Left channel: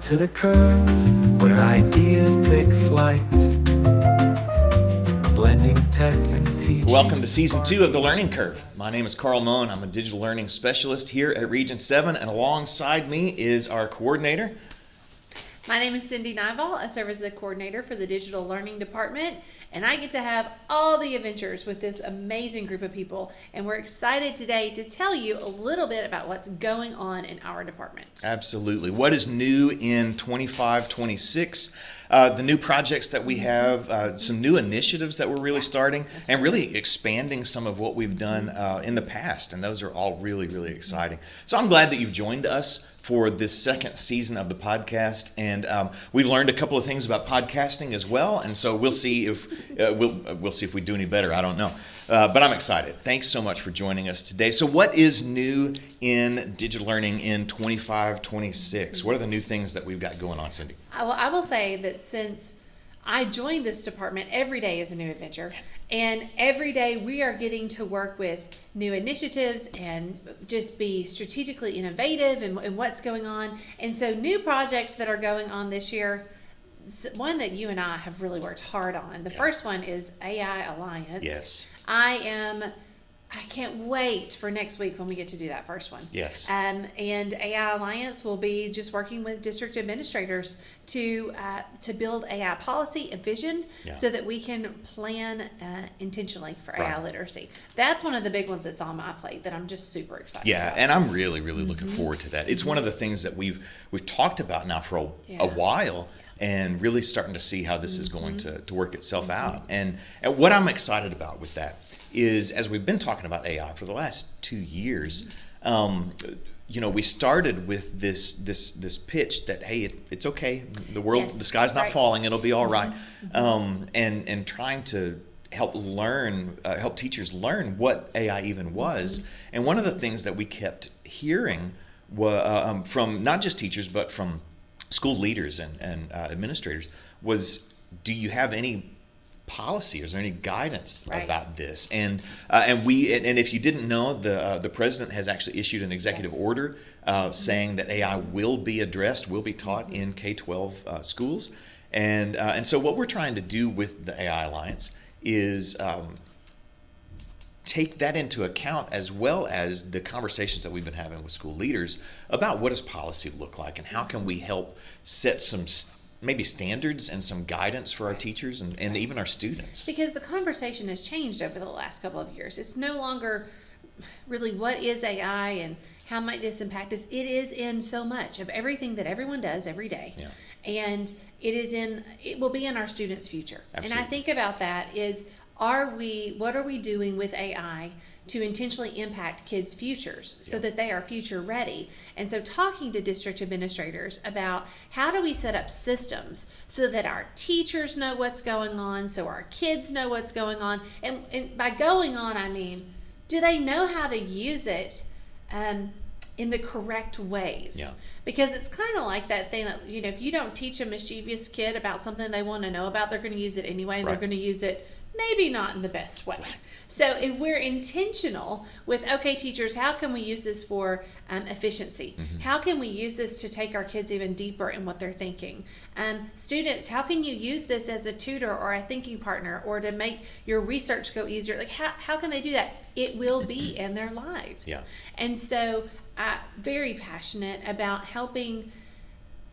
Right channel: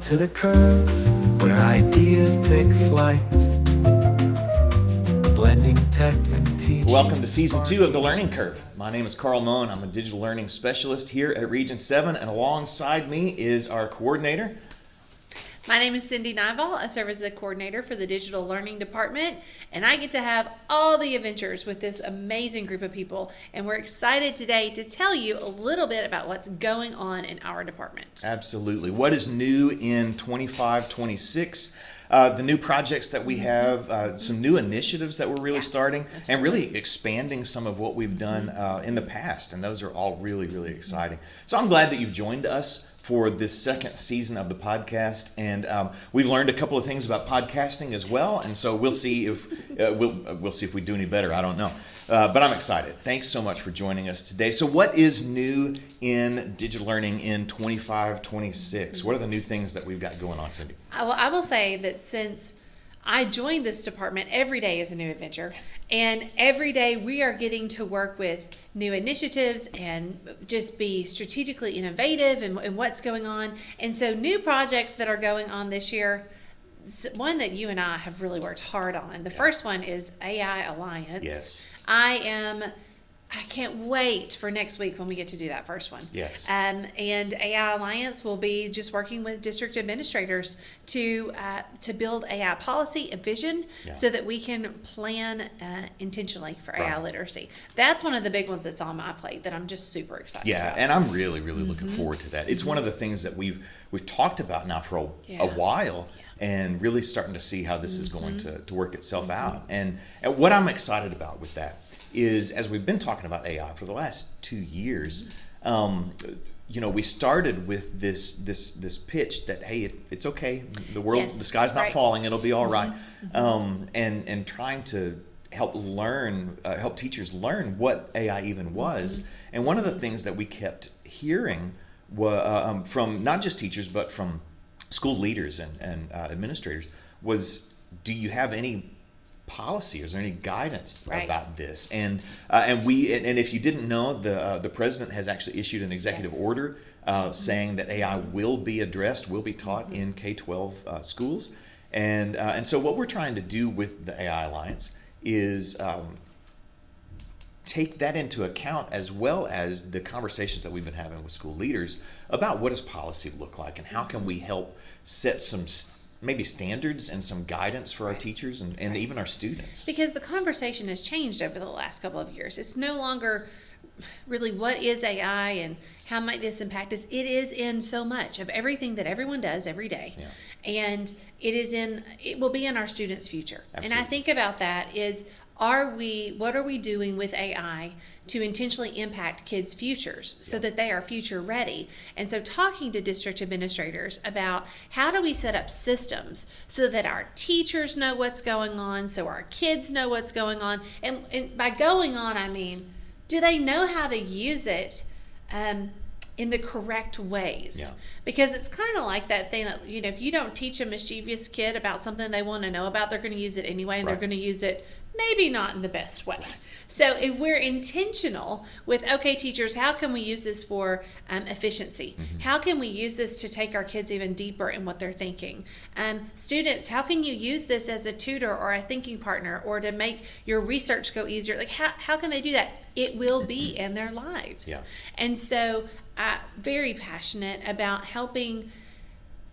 to the curve, where ideas take flight, blending tech and teaching. Welcome to Season 2 of The Learning Curve. My name is Carl Mohn. I'm a digital learning specialist here at Region 7, and alongside me is our coordinator. My name is Cyndi. I serve as the coordinator for the Digital Learning Department, and I get to have all the adventures with this amazing group of people, and we're excited today to tell you a little bit about what's going on in our department. Absolutely. What is new in 25-26? The new projects that we have, some new initiatives that we're really starting, and really expanding some of what we've done in the past, and those are all really, really exciting. So I'm glad that you've joined us for this second season of the podcast, and we've learned a couple of things about podcasting as well, and so we'll see if we'll see if we do any better. I don't know, but I'm excited. Thanks so much for joining us today. So what is new in digital learning in 25-26? What are the new things that we've got going on, Cyndi? Well, I will say that since I joined this department, every day is a new adventure, and every day we are getting to work with new initiatives and just be strategically innovative in what's going on. And so new projects that are going on this year, one that you and I have really worked hard on. The first one is AI Alliance. Yes. I can't wait for next week when we get to do that first one. Yes. And AI Alliance will be just working with district administrators to build AI policy and vision so that we can plan intentionally for AI literacy. That's one of the big ones that's on my plate that I'm just super excited about. And I'm really, really looking forward to that. It's one of the things that we've talked about now for a while. And really starting to see how this is going to work itself out. And what I'm excited about with that is, as we've been talking about AI for the last 2 years, we started with this pitch that, hey, it's okay, the sky's not falling, it'll be all right, and trying to help teachers learn what AI even was. And one of the things that we kept hearing from not just teachers but from school leaders and administrators was, do you have any policy? Is there any guidance about this? And if you didn't know, the president has actually issued an executive order saying that AI will be addressed, will be taught in K-12 schools. And so what we're trying to do with the AI Alliance is take that into account, as well as the conversations that we've been having with school leaders about what does policy look like and how can we help set some maybe standards and some guidance for our teachers and even our students. Because the conversation has changed over the last couple of years. It's no longer really what is AI and how might this impact us. It is in so much of everything that everyone does every day. Yeah. And it will be in our students' future. Absolutely. And I think about that is, what are we doing with AI to intentionally impact kids' futures so that they are future ready? And so talking to district administrators about how do we set up systems so that our teachers know what's going on, so our kids know what's going on. And by going on, I mean, do they know how to use it in the correct ways? Yeah. Because it's kind of like that thing that, if you don't teach a mischievous kid about something they want to know about, they're going to use it anyway, and they're going to use it maybe not in the best way. So if we're intentional with, okay, teachers, how can we use this for efficiency? How can we use this to take our kids even deeper in what they're thinking? Students, how can you use this as a tutor or a thinking partner, or to make your research go easier? Like, how can they do that? It will be in their lives. Yeah. And so I'm very passionate about helping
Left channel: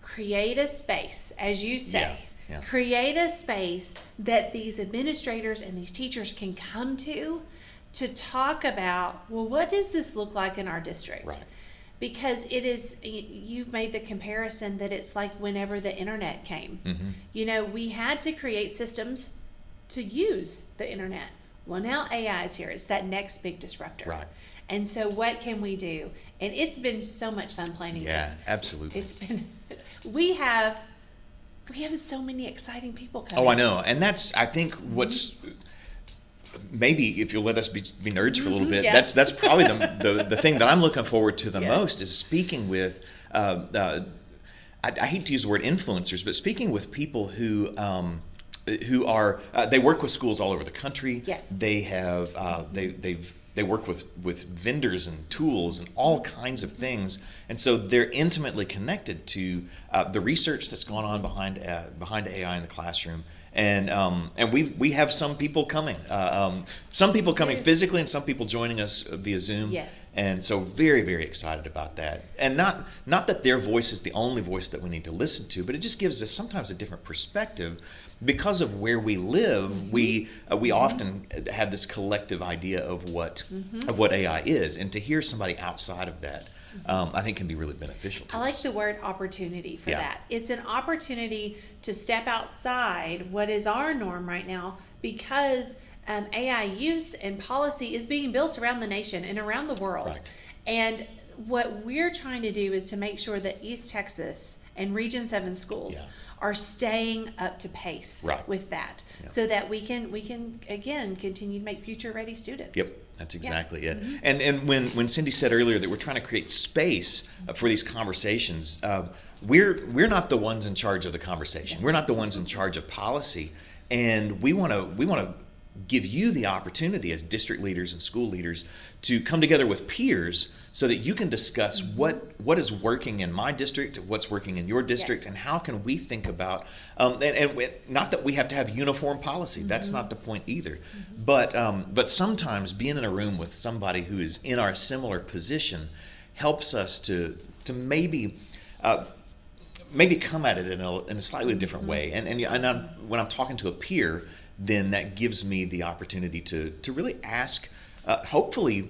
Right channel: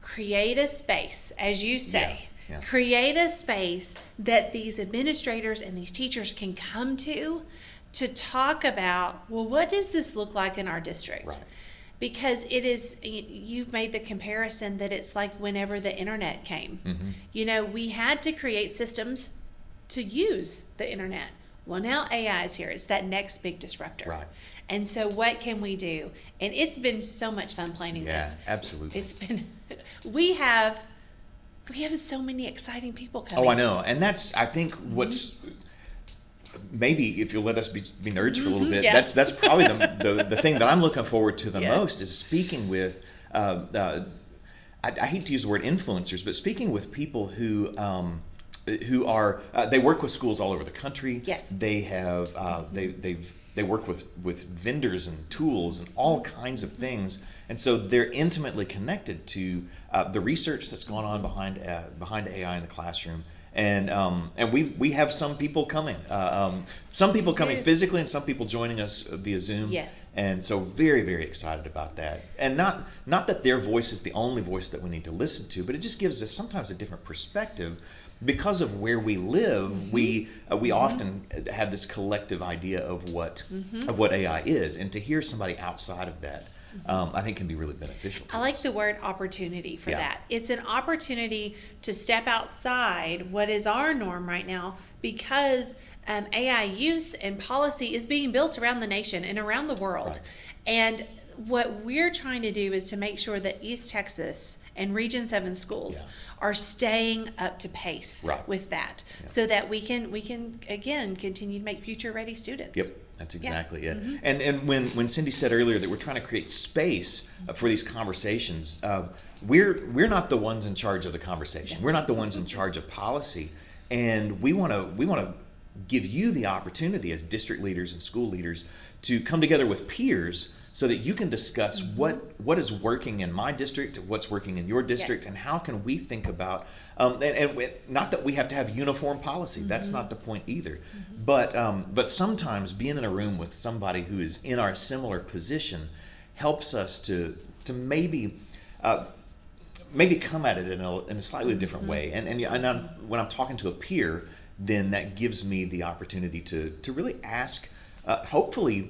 create a space, as you say, create a space that these administrators and these teachers can come to talk about, well, what does this look like in our district? Right. Because you've made the comparison that it's like whenever the internet came. We had to create systems to use the internet. Well, now AI is here. It's that next big disruptor. Right. And so what can we do? And it's been so much fun planning this. Yeah, absolutely. We have so many exciting people coming. Oh, I know. And that's, I think, what's maybe, if you'll let us be nerds for a little bit, that's probably the thing that I'm looking forward to the most, is speaking with, I hate to use the word influencers, but speaking with people who are, they work with schools all over the country. Yes. They have, they've they work with vendors and tools and all kinds of things. And so they're intimately connected to the research that's going on behind AI in the classroom. And we have some people coming, physically, and some people joining us via Zoom. Yes. And so very, very excited about that. And not that their voice is the only voice that we need to listen to, but it just gives us sometimes a different perspective. Because of where we live, we often have this collective idea of what AI is, and to hear somebody outside of that, I think can be really beneficial to I us. like the word opportunity for that. It's an opportunity to step outside what is our norm right now, because AI use and policy is being built around the nation and around the world. Right. And what we're trying to do is to make sure that East Texas and Region 7 schools are staying up to pace with that, so that we can again continue to make future ready students. Yep, that's exactly it. And when Cyndi said earlier that we're trying to create space for these conversations, we're not the ones in charge of the conversation. We're not the ones in charge of policy, and we want to give you the opportunity as district leaders and school leaders to come together with peers, so that you can discuss what is working in my district, what's working in your district, and how can we think about, and not that we have to have uniform policy, that's not the point either, but sometimes being in a room with somebody who is in our similar position helps us to maybe come at it in a slightly different way. And when I'm talking to a peer, then that gives me the opportunity to really ask, hopefully,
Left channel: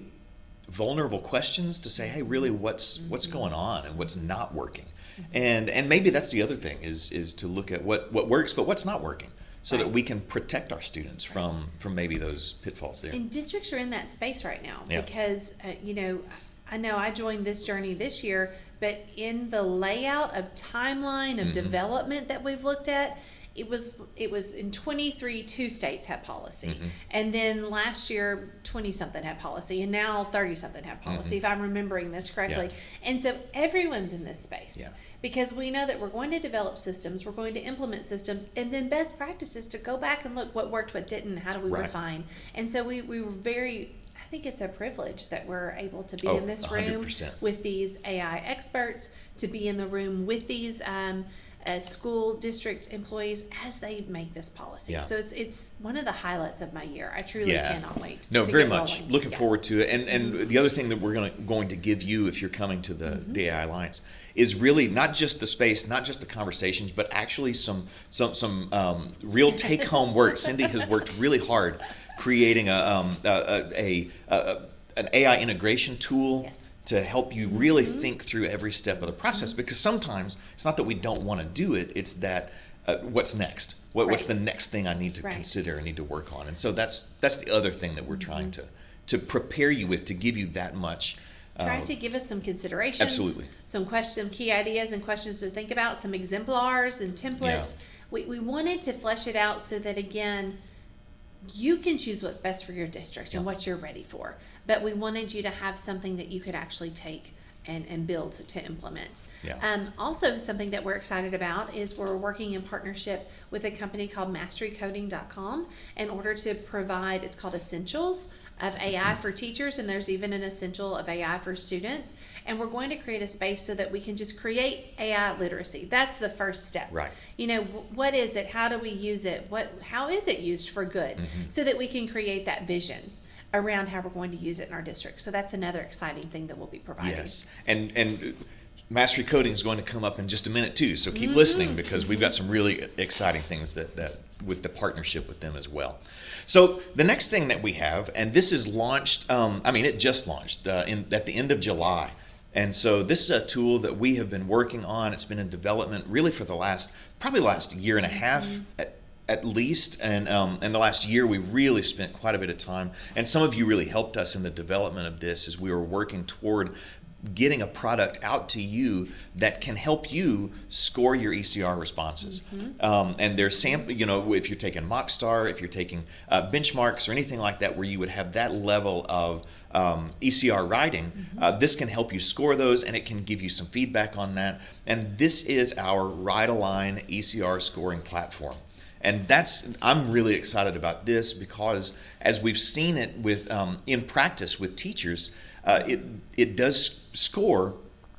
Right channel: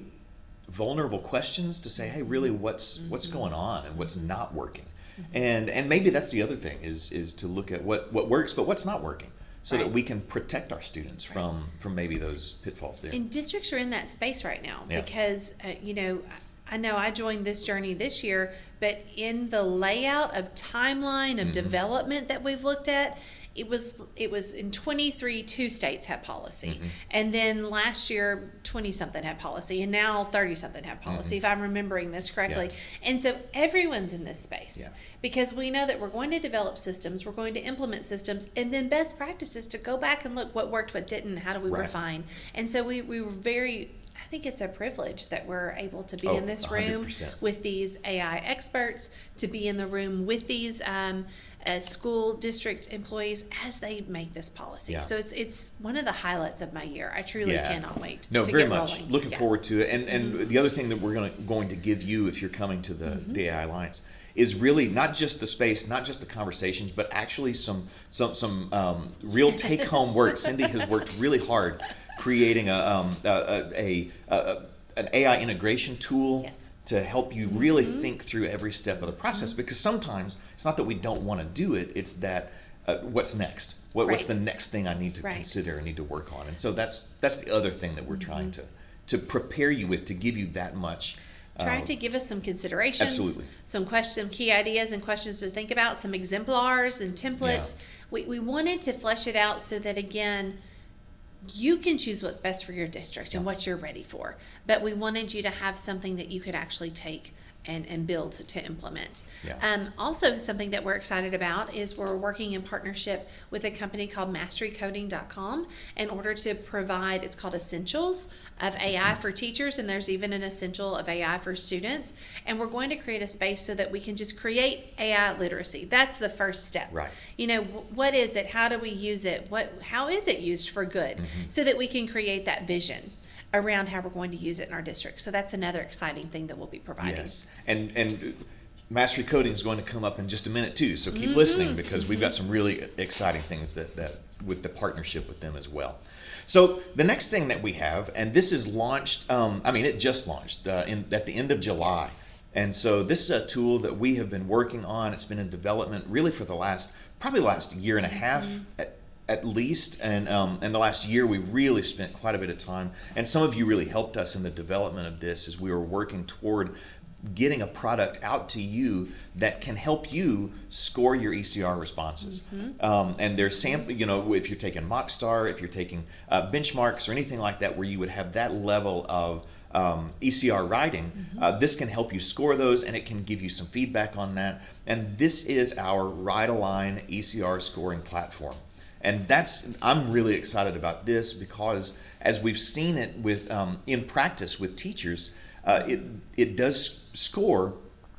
vulnerable questions, to say, hey, really, what's going on and what's not working, and maybe that's the other thing is to look at what works but what's not working, so that we can protect our students from maybe those pitfalls there. And districts are in that space right now because I know I joined this journey this year, but in the layout of timeline of development that we've looked at, it was in 23, 2 states had policy. And then last year, 20-something had policy. And now 30-something have policy, if I'm remembering this correctly. And so everyone's in this space because we know that we're going to develop systems, we're going to implement systems, and then best practices to go back and look what worked, what didn't, how do we refine. And so we were very, I think it's a privilege that we're able to be in this room 100%. with these AI experts, to be in the room with these school district employees as they make this policy. So it's one of the highlights of my year. I truly cannot wait. No, to very get much. rolling. Looking forward to it. And the other thing that we're going to give you if you're coming to the AI Alliance is really not just the space, not just the conversations, but actually some real take home work. Cyndi has worked really hard creating an AI integration tool to help you really think through every step of the process, because sometimes it's not that we don't want to do it, it's that what's next? What's the next thing I need to consider and need to work on? And so that's the other thing that we're trying to prepare you with, to give you that much. Trying to give us some considerations, Absolutely. some key ideas and questions to think about, some exemplars and templates. We wanted to flesh it out so that, again, you can choose what's best for your district and what you're ready for. But we wanted you to have something that you could actually take and build to implement. Also, something that we're excited about is we're working in partnership with a company called masterycoding.com in order to provide, it's called Essentials of AI for teachers, and there's even an essential of AI for students. And we're going to create a space so that we can just create AI literacy. That's the first step. What is it? How do we use it? How is it used for good? So that we can create that vision around how we're going to use it in our district. So that's another exciting thing that we'll be providing. Yes, and Mastery Coding is going to come up in just a minute too, so keep listening, because we've got some really exciting things that with the partnership with them as well. So the next thing that we have, and this is launched, it just launched at the end of July. And so this is a tool that we have been working on. It's been in development really for the last year and a half at least, and the last year we really spent quite a bit of time, and some of you really helped us in the development of this as we were working toward getting a product out to you that can help you score your ECR responses. And there's if you're taking Mockstar, if you're taking benchmarks or anything like that, where you would have that level of ECR writing, this can help you score those, and it can give you some feedback on that. And this is our WriteAlign ECR scoring platform. And I'm really excited about this, because as we've seen it with in practice with teachers, it does score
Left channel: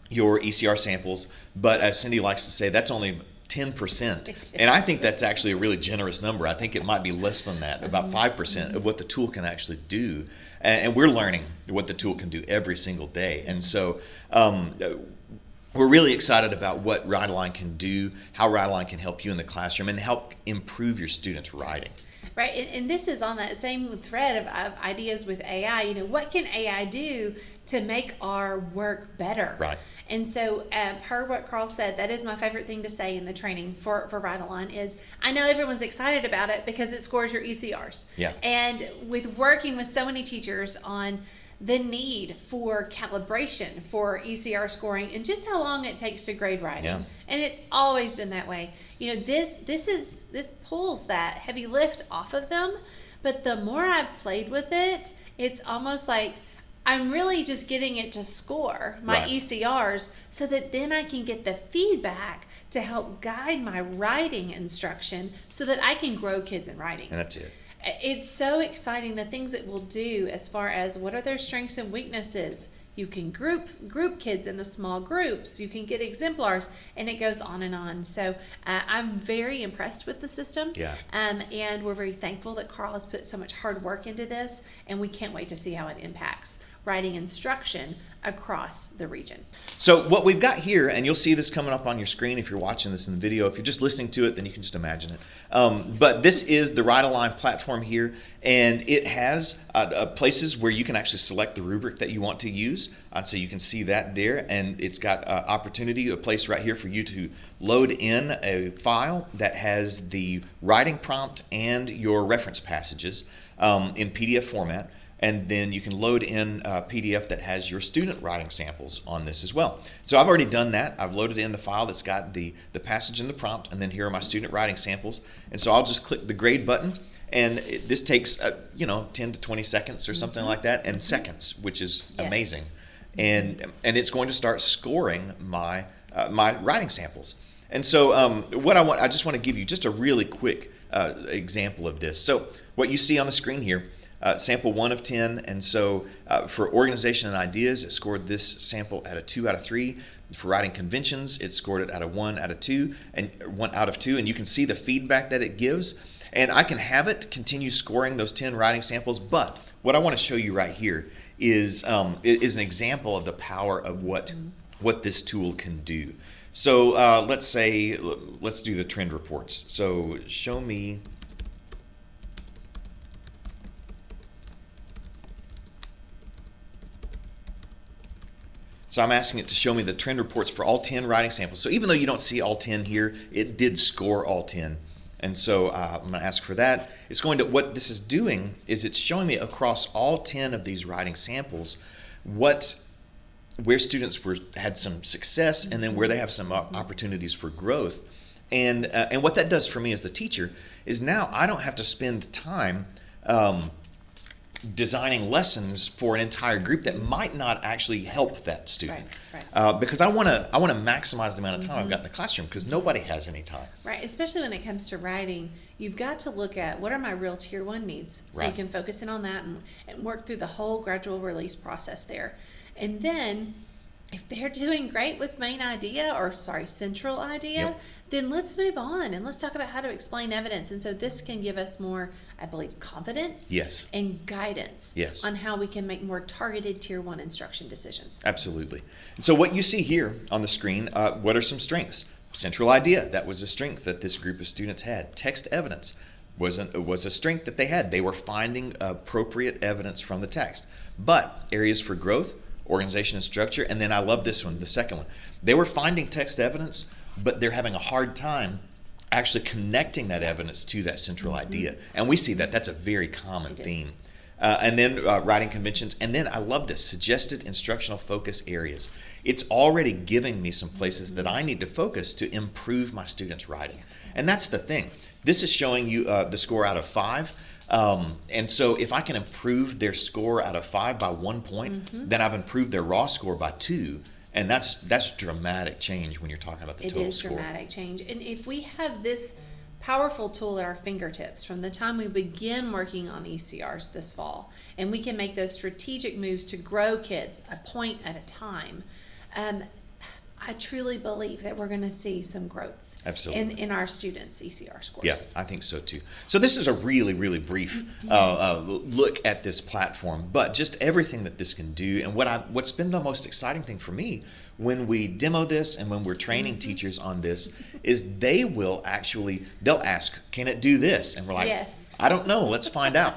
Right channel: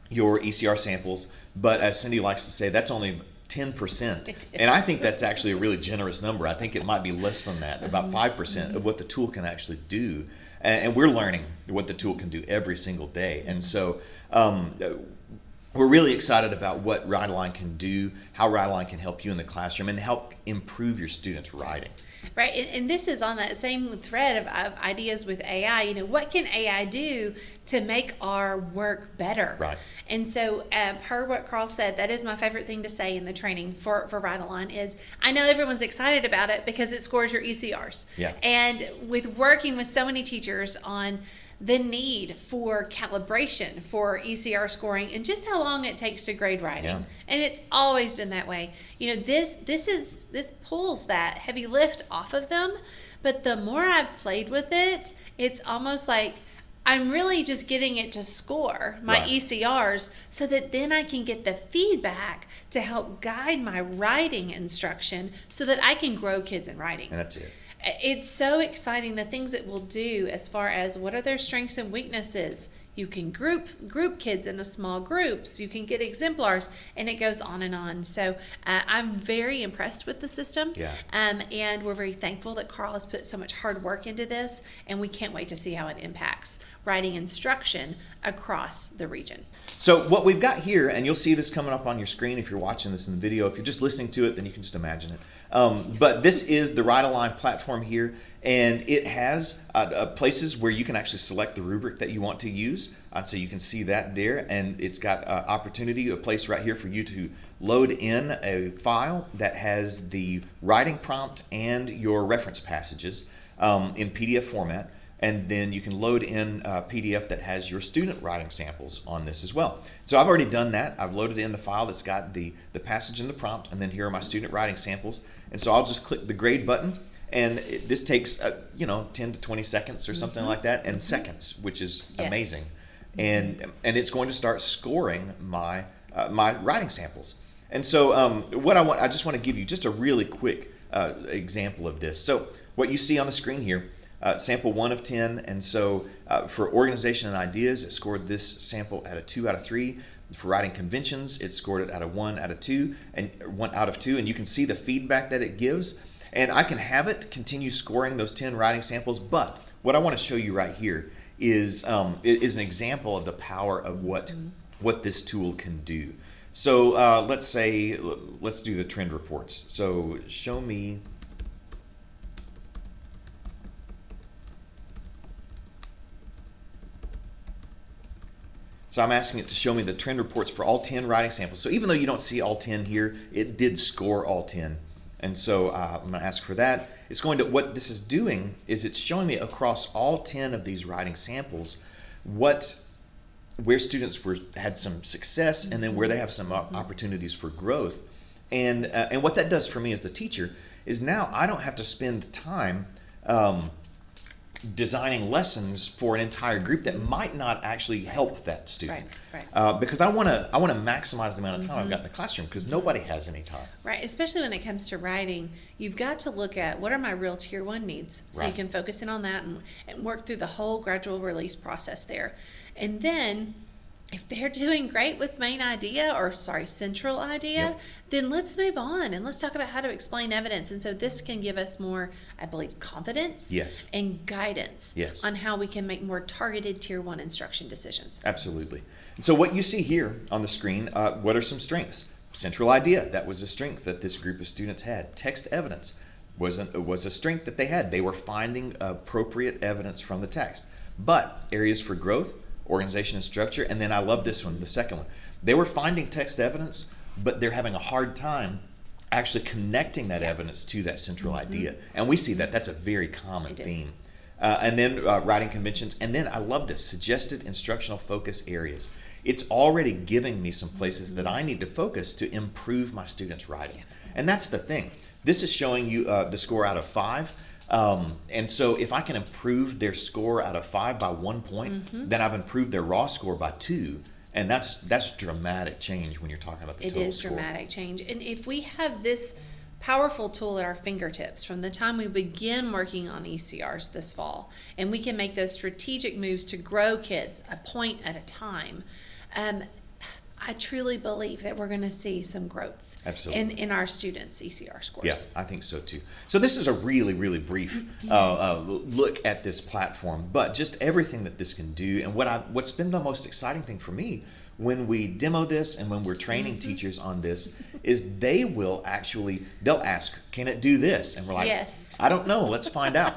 your ECR samples, but as Cyndi likes to say, that's only 10%. And I think that's actually a really generous number. I think it might be less than that, about 5% of what the tool can actually do. And we're learning what the tool can do every single day. And so we're really excited about what WriteAlign can do, how WriteAlign can help you in the classroom and help improve your students' writing. Right, and this is on that same thread of ideas with AI. You know, what can AI do to make our work better? Right. And so, per what Carl said, that is my favorite thing to say in the training for WriteAlign is, I know everyone's excited about it because it scores your ECRs. Yeah. And with working with so many teachers on the need for calibration for ECR scoring and just how long it takes to grade writing. Yeah. And it's always been that way. You know, this pulls that heavy lift off of them, but the more I've played with it, it's almost like I'm really just getting it to score my Right. ECRs so that then I can get the feedback to help guide my writing instruction so that I can grow kids in writing. And that's it. It's so exciting, the things it will do as far as what are their strengths and weaknesses. You can group kids into small groups. You can get exemplars, and it goes on and on. So I'm very impressed with the system. Yeah. And we're very thankful that Carl has put so much hard work into this, and we can't wait to see how it impacts writing instruction across the region. So what we've got here, and you'll see this coming up on your screen if you're watching this in the video. If you're just listening to it, then you can just imagine it. But this is the WriteAlign platform here, and it has places where you can actually select the rubric that you want to use. So you can see that there, and it's got a place right here for you to load in a file that has the writing prompt and your reference passages in PDF format. And then you can load in a PDF that has your student writing samples on this as well. So I've already done that. I've loaded in the file that's got the passage and the prompt, and then here are my student writing samples. And so I'll just click the grade button, and this takes 10 to 20 seconds or something like that, and seconds, which is Yes. amazing. And it's going to start scoring my my writing samples. And so I just want to give you just a really quick example of this. So what you see on the screen here. Sample 1 of 10, and so for organization and ideas, it scored this sample at a 2 out of 3. For writing conventions, it scored it at a 1 out of 2, and 1 out of 2, and you can see the feedback that it gives. And I can have it continue scoring those 10 writing samples, but what I want to show you right here is an example of the power of what this tool can do. So let's do the trend reports. So show me. So I'm asking it to show me the trend reports for all 10 writing samples. So even though you don't see all 10 here, it did score all 10. And so I'm going to ask for that. It's going to, what this is doing is it's showing me across all 10 of these writing samples where students had some success and then where they have some opportunities for growth. And what that does for me as the teacher is now I don't have to spend time designing lessons for an entire group that might not actually help that student. Right. Because I want to maximize the amount of time I've got in the classroom because nobody has any time. Right, especially when it comes to writing, you've got to look at what are my real tier 1 needs. So you can focus in on that and work through the whole gradual release process there. And then if they're doing great with central idea, then let's move on and let's talk about how to explain evidence. And so this can give us more, I believe, confidence and guidance on how we can make more targeted tier 1 instruction decisions. Absolutely. And so what you see here on the screen, what are some strengths? Central idea, that was a strength that this group of students had. Text evidence was a strength that they had. They were finding appropriate evidence from the text. But areas for growth, organization and structure, and then I love this one, the second one. They were finding text evidence, but they're having a hard time actually connecting that evidence to that central idea. And we see that. That's a very common theme. And then writing conventions. And then I love this, suggested instructional focus areas. It's already giving me some places that I need to focus to improve my students' writing. And that's the thing. This is showing you the score out of 5. And so if I can improve their score out of 5 by 1 point, then I've improved their raw score by 2. And that's dramatic change when you're talking about the total score. It is dramatic change. And if we have this powerful tool at our fingertips from the time we begin working on ECRs this fall, and we can make those strategic moves to grow kids a point at a time. I truly believe that we're going to see some growth. Absolutely. In our students' ECR scores. Yeah, I think so too. So this is a really, really brief look at this platform, but just everything that this can do. And what's been the most exciting thing for me when we demo this and when we're training teachers on this is they'll ask, can it do this? And we're like, yes. I don't know, let's find out.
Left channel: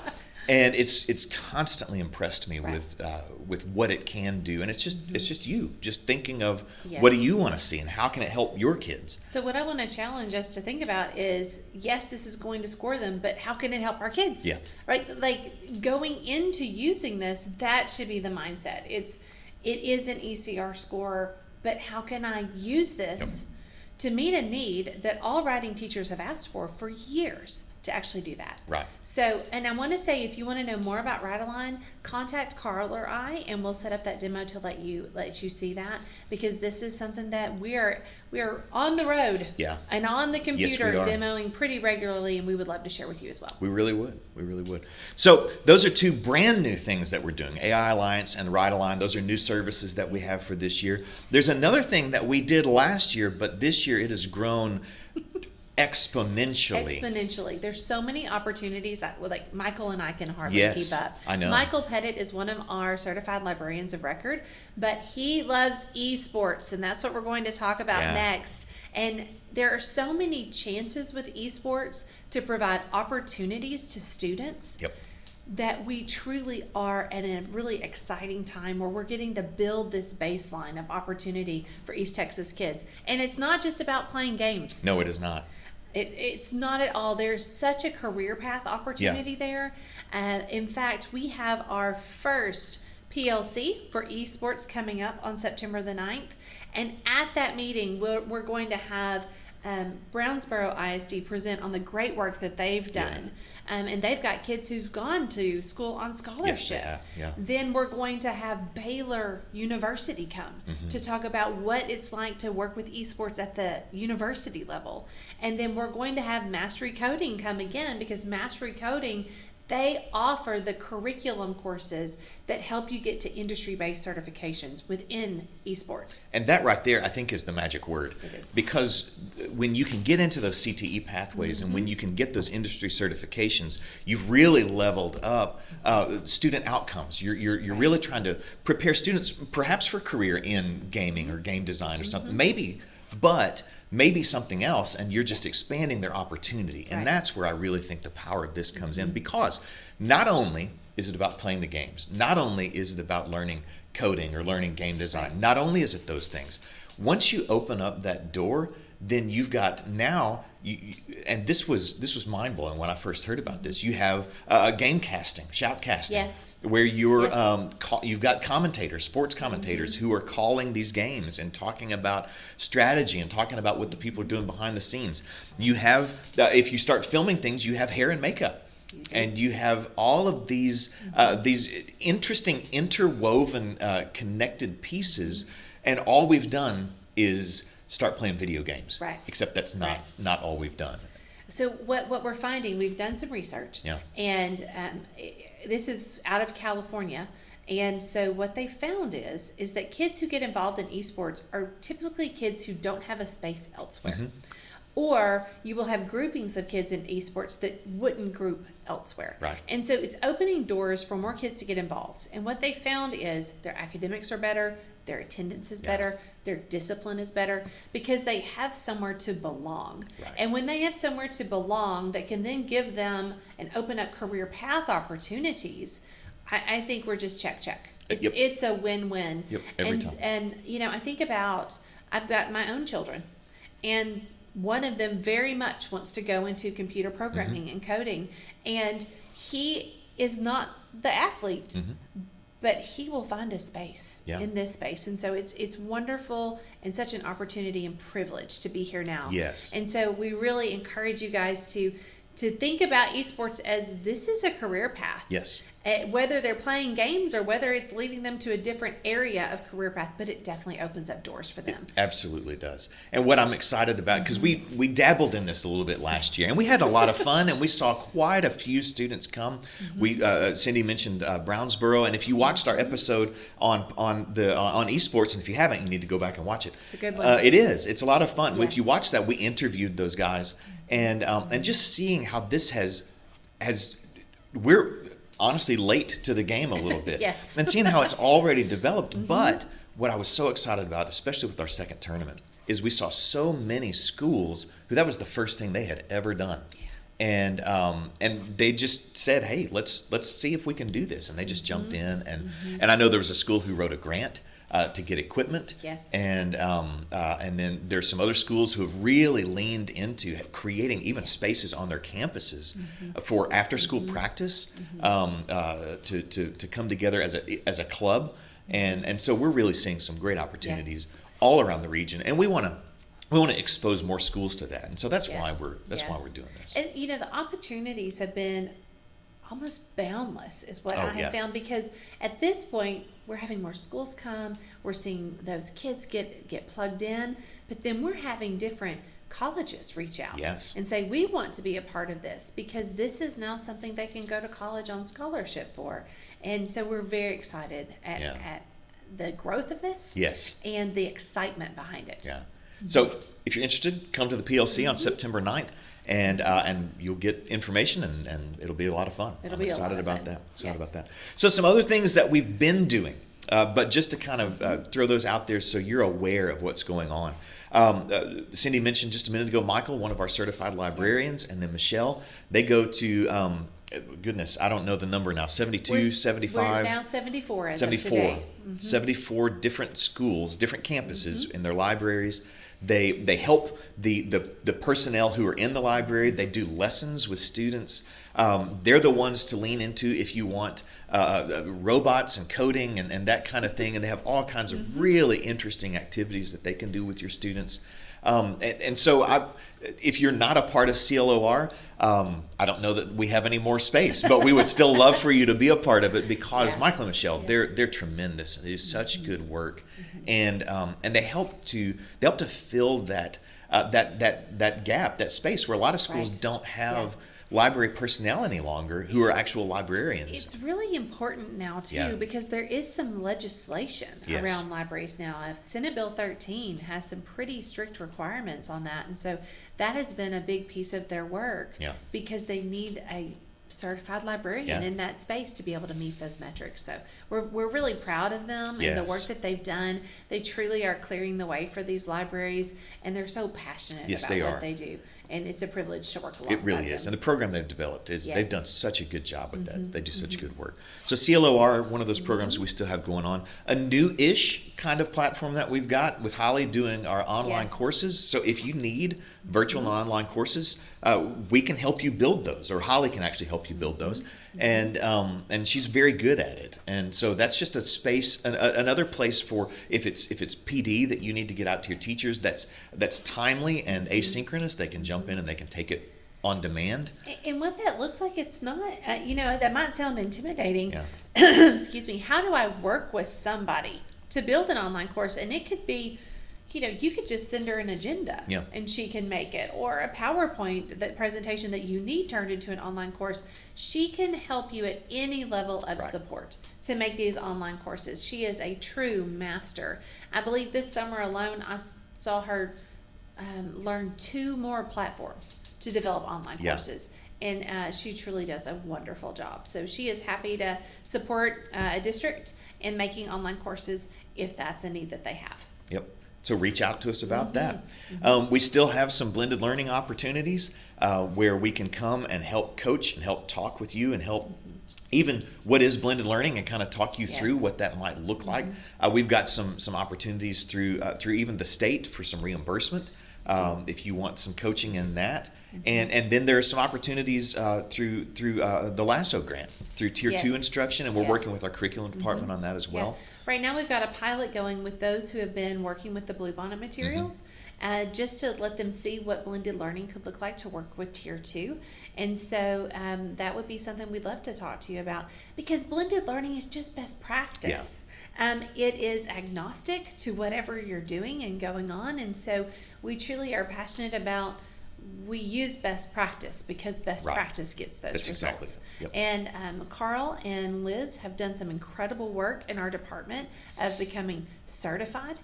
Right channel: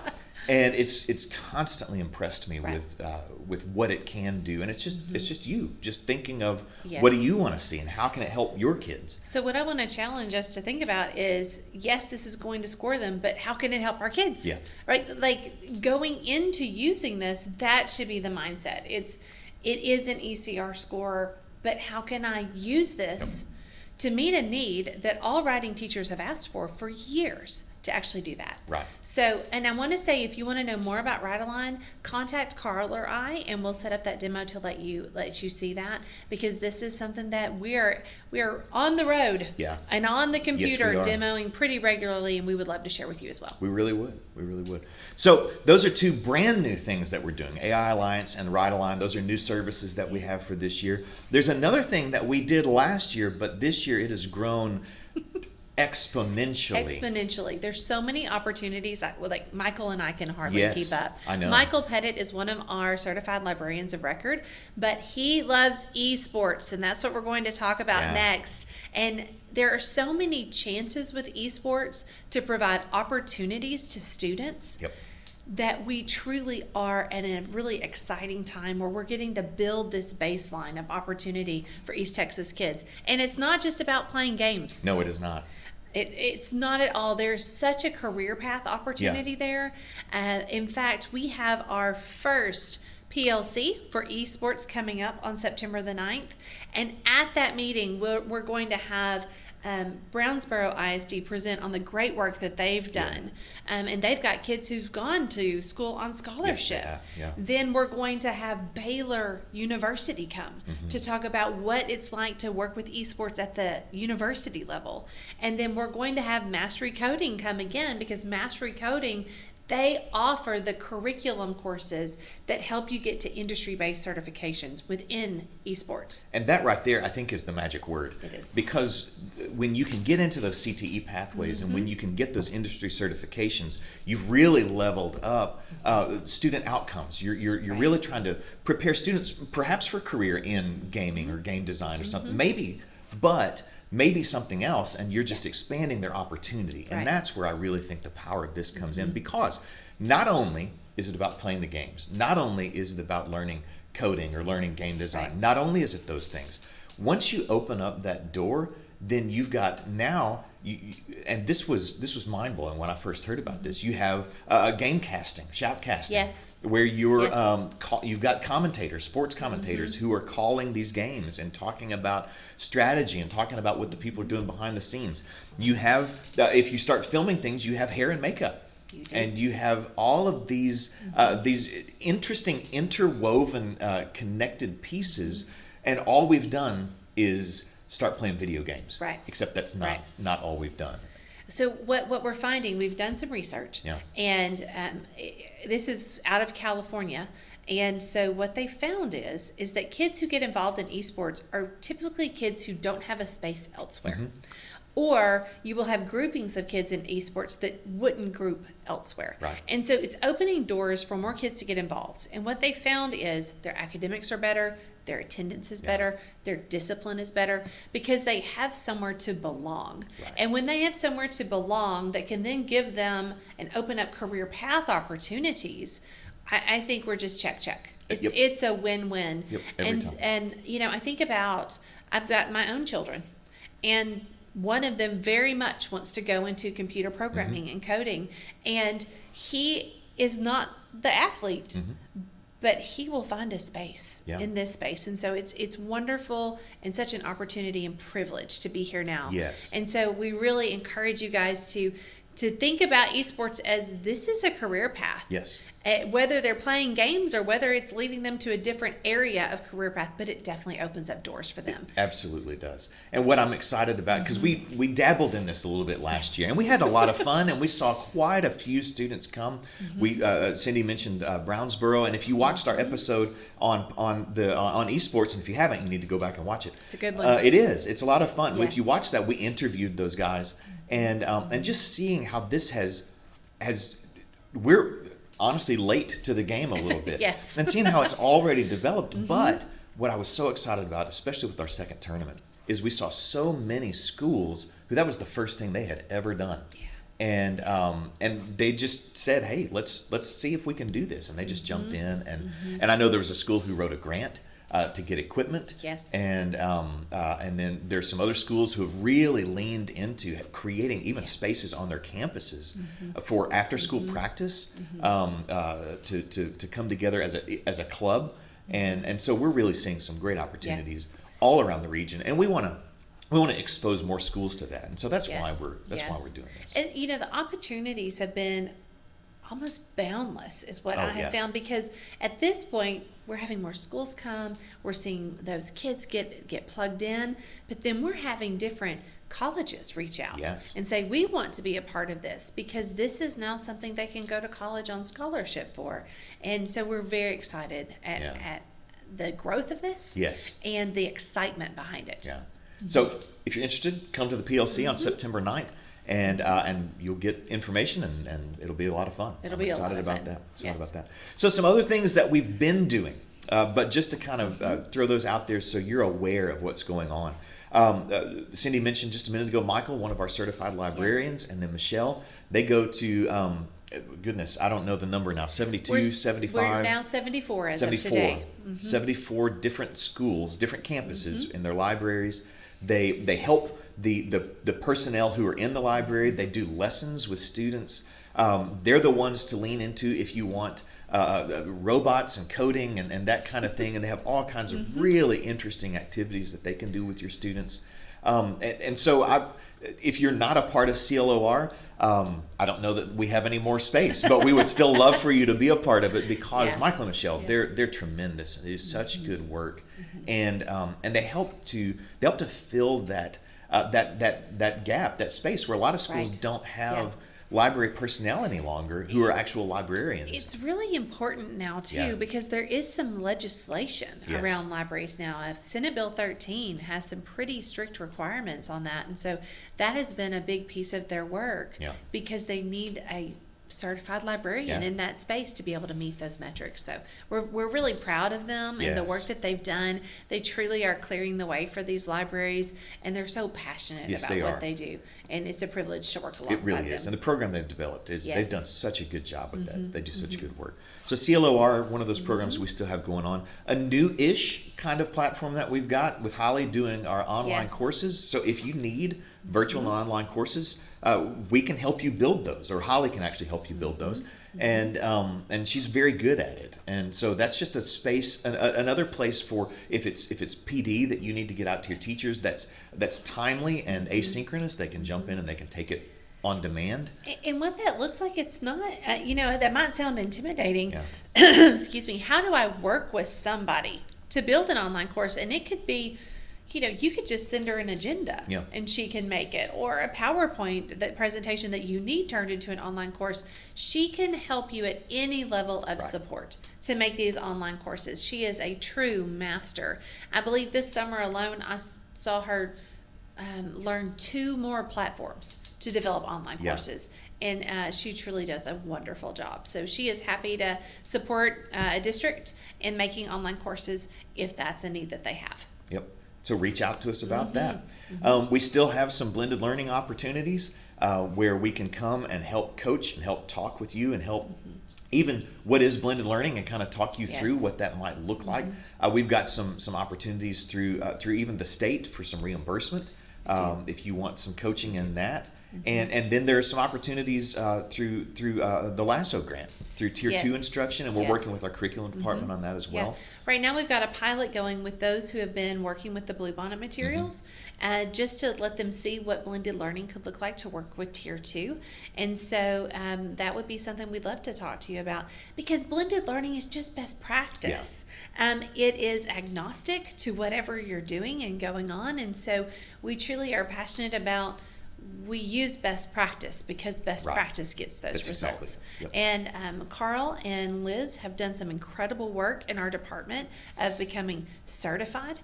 And it's constantly impressed me with what it can do, and it's just you just thinking of what do you want to see and how can it help your kids. So what I want to challenge us to think about is, yes, this is going to score them, but how can it help our kids? Yeah. Right? Like going into using this, that should be the mindset. It is an ECR score, but how can I use this to meet a need that all writing teachers have asked for years? To actually do that. Right. So, and I want to say, if you want to know more about WriteAlign, contact Carl or I, and we'll set up that demo to let you see that, because this is something that we are on the road. Yeah. And on the computer Yes, we are. demoing pretty regularly, and we would love to share with you as well. We really would. We really would. So those are two brand new things that we're doing, AI Alliance and WriteAlign. Those are new services that we have for this year. There's another thing that we did last year, but this year it has grown exponentially. There's so many opportunities. Like Michael and I can hardly keep up. I know. Michael Pettit is one of our certified librarians of record, but he loves eSports, and that's what we're going to talk about next. And there are so many chances with eSports to provide opportunities to students. That we truly are at a really exciting time where we're getting to build this baseline of opportunity for East Texas kids. And it's not just about playing games. No, it is not. It's not at all. There's such a career path opportunity there. In fact, we have our first PLC for eSports coming up on September the 9th. And at that meeting, we're going to have Brownsboro ISD present on the great work that they've done. And they've got kids who've gone to school on scholarship. Then we're going to have Baylor University come to talk about what it's like to work with eSports at the university level. And then we're going to have Mastery Coding come again, because Mastery Coding, they offer the curriculum courses that help you get to industry-based certifications within eSports. And that right there, I think, is the magic word. It is. Because when you can get into those CTE pathways and when you can get those industry certifications, you've really leveled up student outcomes. You're really trying to prepare students perhaps for career in gaming or game design or something, maybe something else, and you're just expanding their opportunity. And that's where I really think the power of this comes in, because not only is it about playing the games, not only is it about learning coding or learning game design, not only is it those things. Once you open up that door, then you've got now, and this was mind-blowing when I first heard about this, you have game casting, shoutcasting, where you're you've got commentators, sports commentators who are calling these games and talking about strategy and talking about what the people are doing behind the scenes. You have, if you start filming things, you have hair and makeup. And you have all of these interesting, interwoven, connected pieces, and all we've done is start playing video games. Right. Except that's not all we've done. So what we're finding, we've done some research, and this is out of California. And so what they found is that kids who get involved in eSports are typically kids who don't have a space elsewhere. Or you will have groupings of kids in eSports that wouldn't group elsewhere. And so it's opening doors for more kids to get involved. And what they found is their academics are better, their attendance is better, their discipline is better, because they have somewhere to belong. And when they have somewhere to belong that can then give them and open up career path opportunities, I think we're just check. It's a win-win. Every time. And you know, I think about, I've got my own children, and one of them very much wants to go into computer programming and coding, and he is not the athlete, but he will find a space in this space. And so it's wonderful and such an opportunity and privilege to be here now. And so we really encourage you guys to to think about esports as this is a career path. Yes. Whether they're playing games or whether it's leading them to a different area of career path, but it definitely opens up doors for them. It absolutely does. And what I'm excited about, because we dabbled in this a little bit last year, and we had a lot of fun, and we saw quite a few students come. We Cyndi mentioned Brownsboro, and if you watched our episode on eSports, and if you haven't, you need to go back and watch it. It's a good one. It is. It's a lot of fun. Yeah. If you watch that, we interviewed those guys, and just seeing how this has we're honestly late to the game a little bit. Yes. And seeing how it's already developed. But what I was so excited about, especially with our second tournament, is we saw so many schools who that was the first thing they had ever done. Yeah. And they just said, hey, let's see if we can do this. And they just jumped in. And I know there was a school who wrote a grant to get equipment. Yes. And then there's some other schools who have really leaned into creating even spaces on their campuses for after school practice to come together as a club. And so we're really seeing some great opportunities all around the region, and we want to expose more schools to that. And so that's why we're doing this. And the opportunities have been almost boundless is what I have found, because at this point we're having more schools come, we're seeing those kids get plugged in, but then we're having different colleges reach out and say, we want to be a part of this because this is now something they can go to college on scholarship for. And so we're very excited at the growth of this and the excitement behind it. Yeah. So if you're interested, come to the PLC on September 9th. And you'll get information, and it'll be a lot of fun. I'm excited about that. So some other things that we've been doing, but just to kind of throw those out there so you're aware of what's going on. Cyndi mentioned just a minute ago, Michael, one of our certified librarians, and then Michelle, they go to, goodness, I don't know the number now, 72, 75. We're now 74 as of today. 74 different schools, different campuses in their libraries. They help the personnel who are in the library. They do lessons with students. They're the ones to lean into if you want robots and coding and that kind of thing. And they have all kinds of really interesting activities that they can do with your students. And so if you're not a part of CLOR, I don't know that we have any more space, but we would still love for you to be a part of it, because Michael and Michelle, they're tremendous. They do such good work, and they help to fill that gap, that space where a lot of schools don't have library personnel any longer who are actual librarians. It's really important now too, because there is some legislation around libraries now. Senate Bill 13 has some pretty strict requirements on that, and so that has been a big piece of their work because they need a certified librarian in that space to be able to meet those metrics. So we're really proud of them and the work that they've done. They truly are clearing the way for these libraries, and they're so passionate about what they do. And it's a privilege to work alongside them. It really is. And the program they've developed they've done such a good job with that. They do such good work. So CLOR, one of those programs we still have going on. A new-ish kind of platform that we've got with Holly doing our online courses. So if you need virtual and online courses, we can help you build those, or Holly can actually help you build those. And she's very good at it. And so that's just a space, another place for if it's PD that you need to get out to your teachers, that's timely and asynchronous. They can jump in and they can take it on demand. And what that looks like, it's not, that might sound intimidating. Excuse me. How do I work with somebody to build an online course? And it could be, you could just send her an agenda and she can make it, or a PowerPoint presentation that you need turned into an online course. She can help you at any level of support to make these online courses. She is a true master. I believe this summer alone, I saw her learn 2 more platforms to develop online courses. And she truly does a wonderful job. So she is happy to support a district in making online courses if that's a need that they have. Yep. So reach out to us about that. We still have some blended learning opportunities where we can come and help coach and help talk with you and help even what is blended learning and kind of talk you through what that might look like. We've got some opportunities through even the state for some reimbursement if you want some coaching in that. And then there are some opportunities through the LASSO grant, through Tier 2 instruction, and we're working with our curriculum department on that as well. Right now we've got a pilot going with those who have been working with the Bluebonnet materials, just to let them see what blended learning could look like to work with Tier 2. And so that would be something we'd love to talk to you about, because blended learning is just best practice. It is agnostic to whatever you're doing and going on. And so we truly are passionate about, we use best practice because best practice gets those results. And Carl and Liz have done some incredible work in our department of becoming certified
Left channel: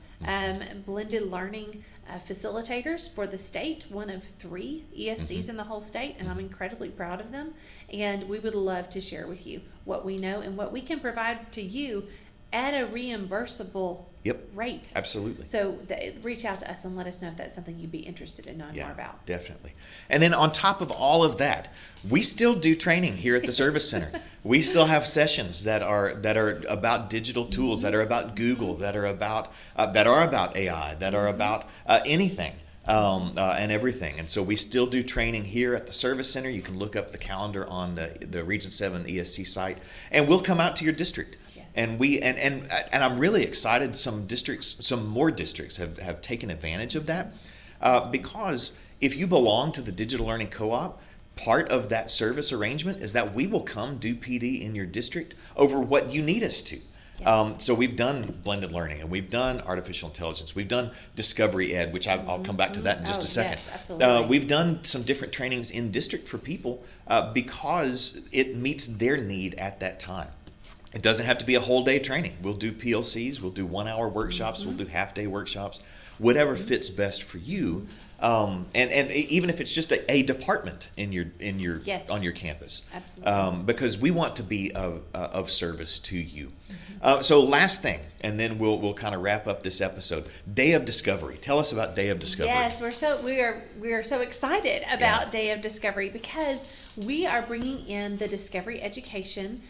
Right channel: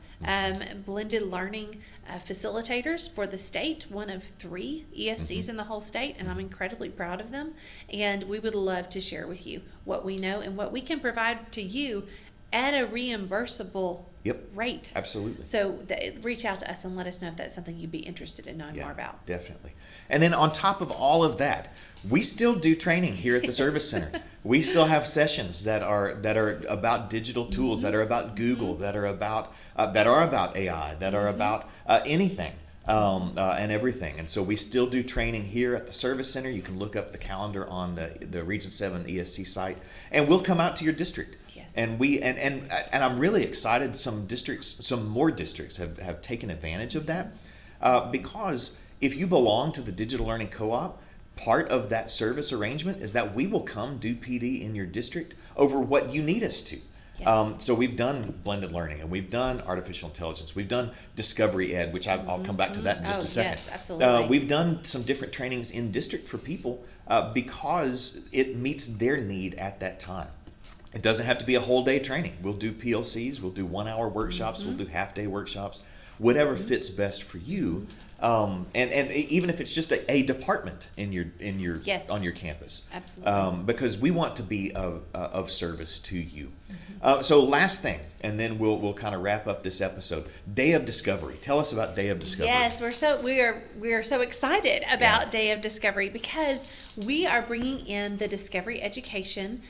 blended learning facilitators for the state, one of 3 ESCs in the whole state, and I'm incredibly proud of them. And we would love to share with you what we know and what we can provide to you at a reimbursable rate. Absolutely. So reach out to us and let us know if that's something you'd be interested in knowing more about. Definitely. And then on top of all of that, we still do training here at the Service Center. We still have sessions that are about digital tools, that are about Google, that are about AI, that are about anything and everything. And so we still do training here at the Service Center. You can look up the calendar on the Region 7 ESC site, and we'll come out to your district. And we and I'm really excited. Some more districts have taken advantage of that because if you belong to the Digital Learning Co-op, part of that service arrangement is that we will come do PD in your district over what you need us to. So we've done blended learning, and we've done artificial intelligence. We've done Discovery Ed, which I'll come back to that in just a second. Yes, absolutely. We've done some different trainings in district for people because it meets their need at that time. It doesn't have to be a whole day training. We'll do PLCs, we'll do 1-hour workshops, we'll do half-day workshops, whatever fits best for you. And even if it's just a department in your on your campus. Absolutely. Because we want to be of service to you. So last thing, and then we'll kind of wrap up this episode. Day of Discovery. Tell us about Day of Discovery. Yes, we are so excited about Day of Discovery because we are bringing in the Discovery education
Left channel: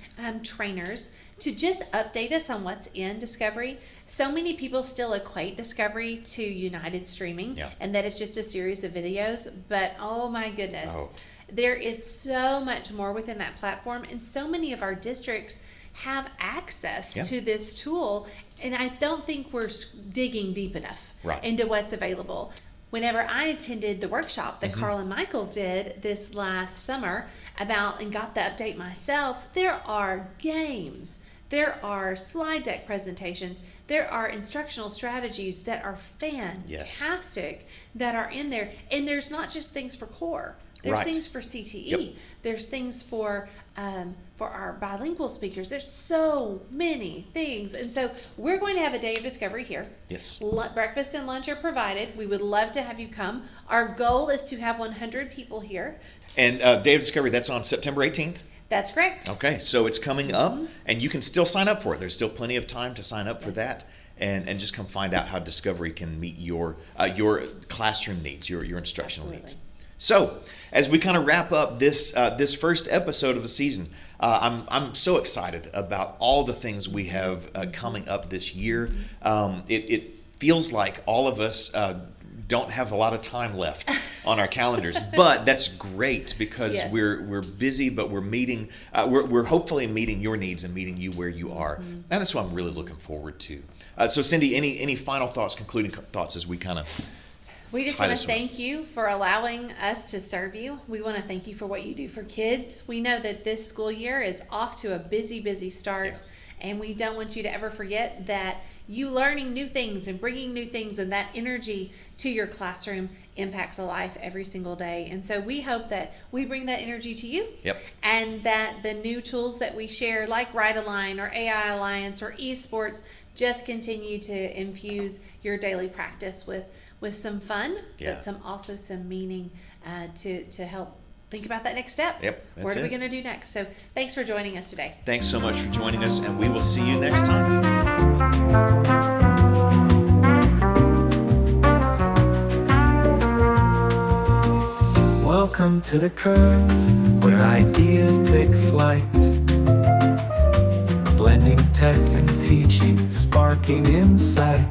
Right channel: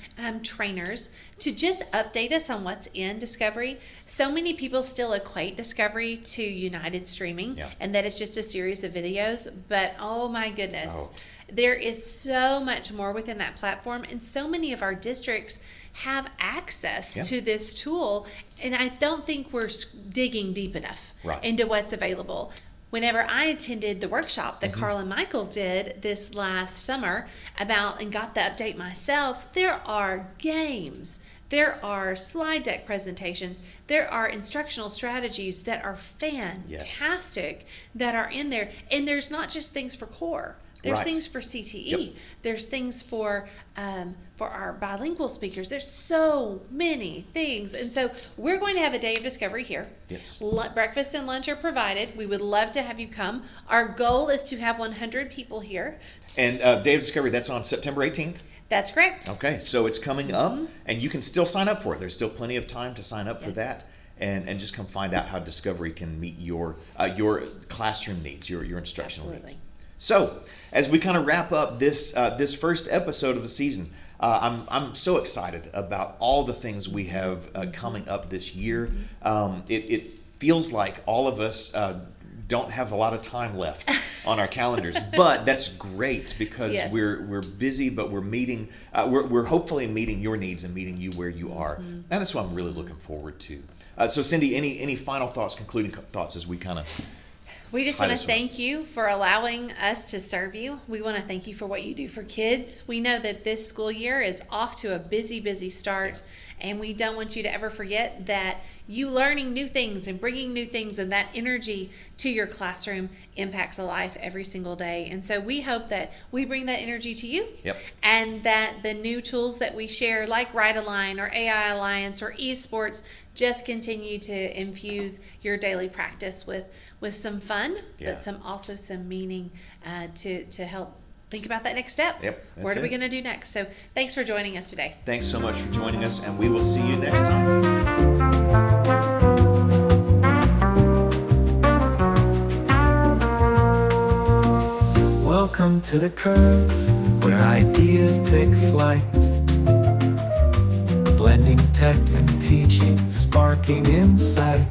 trainers to just update us on what's in Discovery. So many people still equate Discovery to United Streaming, and that it's just a series of videos. But oh my goodness, there is so much more within that platform, and so many of our districts have access to this tool, and I don't think we're digging deep enough into what's available. Whenever I attended the workshop that Carl and Michael did this last summer and got the update myself, there are games, there are slide deck presentations, there are instructional strategies that are fantastic that are in there. And there's not just things for core. There's things for CTE. There's things for our bilingual speakers. There's so many things. And so we're going to have a Day of Discovery here. Yes. Breakfast and lunch are provided. We would love to have you come. Our goal is to have 100 people here. And Day of Discovery, that's on September 18th? That's correct. Okay, so it's coming up, and you can still sign up for it. There's still plenty of time to sign up for that. And just come find out how Discovery can meet your classroom needs, your instructional needs. So, as we kind of wrap up this first episode of the season, I'm so excited about all the things we have coming up this year. It feels like all of us don't have a lot of time left on our calendars, but that's great because we're busy, but we're meeting. We're hopefully meeting your needs and meeting you where you are, and that's what I'm really looking forward to. So, Cyndi, any final thoughts, concluding thoughts as we kind of. We just want to thank you for allowing us to serve you. We want to thank you for what you do for kids. We know that this school year is off to a busy start, and we don't want you to ever forget that you learning new things and bringing new things and that energy to your classroom impacts a life every single day. And so we hope that we bring that energy to you, and that the new tools that we share, like WriteAlign or AI Alliance or eSports, just continue to infuse your daily practice with some fun, but also some meaning to help think about that next step. What are we going to do next? So thanks for joining us today. Thanks so much for joining us, and we will see you next time. Welcome to the curve, where ideas take flight. Blending tech and teaching, sparking insight.